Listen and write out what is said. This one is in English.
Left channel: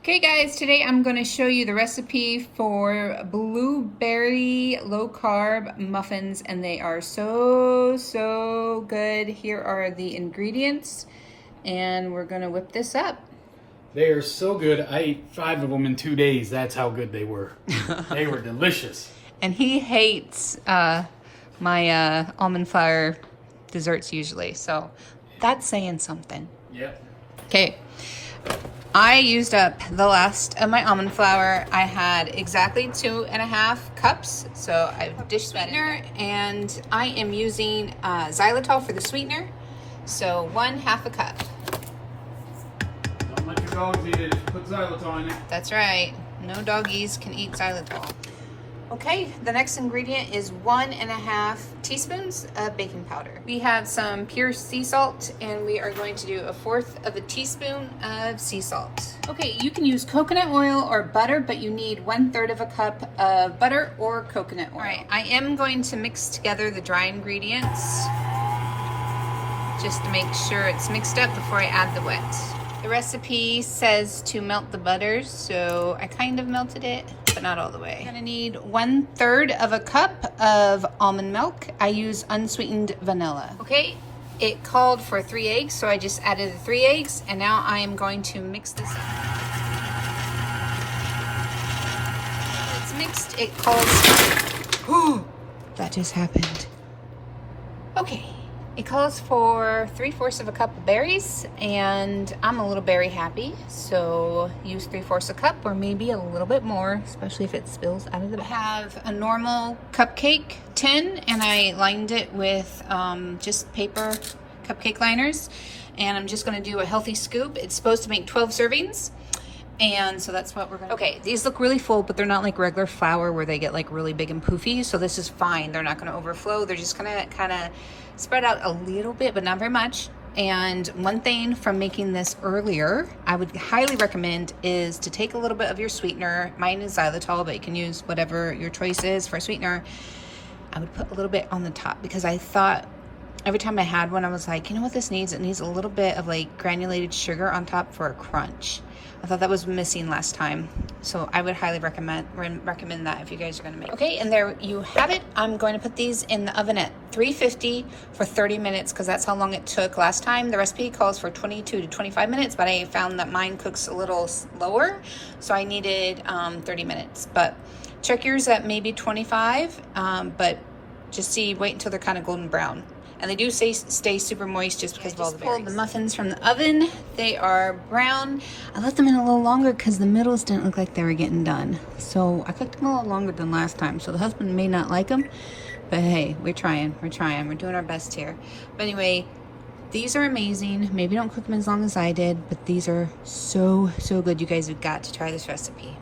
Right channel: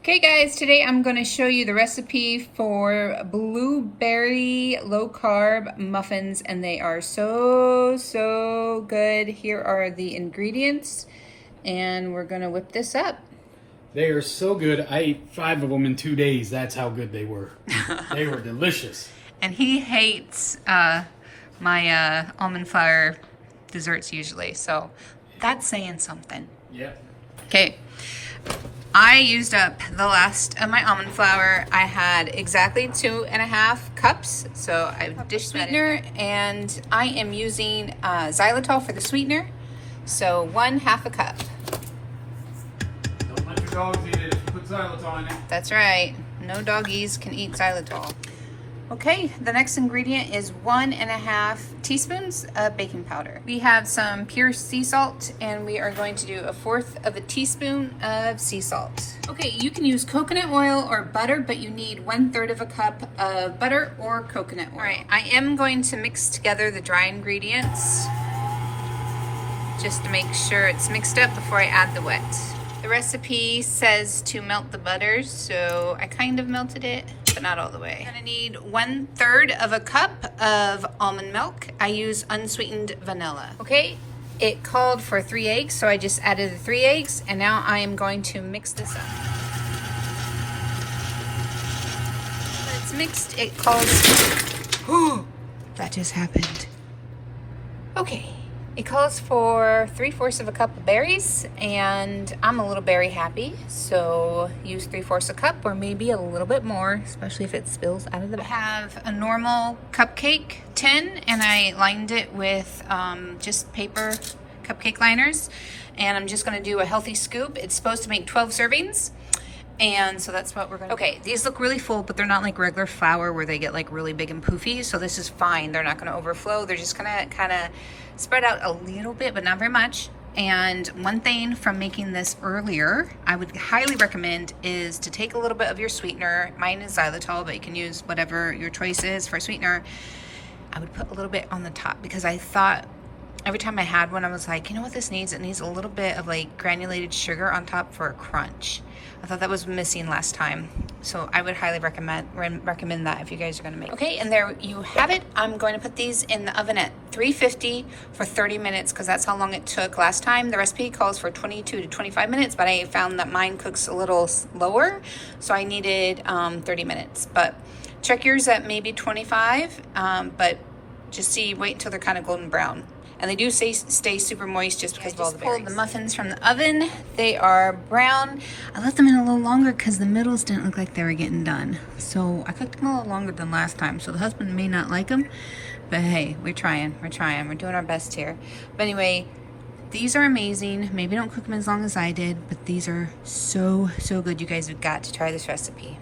Okay guys, today I'm going to show you the recipe for blueberry low carb muffins, and they are so good. Here are the ingredients and we're going to whip this up. They are so good. I ate 5 of them in 2 days. That's how good they were. They were delicious. And he hates my almond flour desserts usually, so that's saying something. Yep. Okay. I used up the last of my almond flour. I had exactly 2.5 cups. So I've dish sweetener, and I am using xylitol for the sweetener. So 1/2 cup. Don't let your dogs eat it. Put xylitol in it. That's right. No doggies can eat xylitol. Okay, the next ingredient is 1.5 teaspoons of baking powder. We have some pure sea salt, and we are going to do 1/4 teaspoon of sea salt. Okay, you can use coconut oil or butter, but you need 1/3 cup of butter or coconut oil. All right, I am going to mix together the dry ingredients just to make sure it's mixed up before I add the wet. The recipe says to melt the butter, so I kind of melted it, but not all the way. I'm gonna need 1/3 cup of almond milk. I use unsweetened vanilla. Okay, it called for 3 eggs, so I just added the 3 eggs, and now I am going to mix this up. When it's mixed, it calls, oh, that just happened. Okay. It calls for 3/4 cup of berries, and I'm a little berry happy, so use 3/4 cup or maybe a little bit more, especially if it spills out of the bag. I have a normal cupcake tin, and I lined it with just paper cupcake liners, and I'm just gonna do a healthy scoop. It's supposed to make 12 servings. And so that's what we're gonna do. Okay, these look really full, but they're not like regular flour where they get like really big and poofy, so this is fine. They're not gonna overflow. They're just gonna kind of spread out a little bit, but not very much. And one thing from making this earlier, I would highly recommend is to take a little bit of your sweetener. Mine is xylitol, but you can use whatever your choice is for sweetener. I would put a little bit on the top because I thought every time I had one, I was like, you know what this needs? It needs a little bit of like granulated sugar on top for a crunch. I thought that was missing last time. So I would highly recommend that if you guys are gonna make. Okay, and there you have it. I'm going to put these in the oven at 350 for 30 minutes because that's how long it took last time. The recipe calls for 22 to 25 minutes, but I found that mine cooks a little slower, so I needed 30 minutes. But check yours at maybe 25, but just wait until they're kind of golden brown. And they do stay super moist just because of all the berries. I just pulled the muffins from the oven. They are brown. I left them in a little longer because the middles didn't look like they were getting done. So I cooked them a little longer than last time. So the husband may not like them, but hey, we're trying. We're doing our best here. But anyway, these are amazing. Maybe don't cook them as long as I did, but these are so good. You guys have got to try this recipe.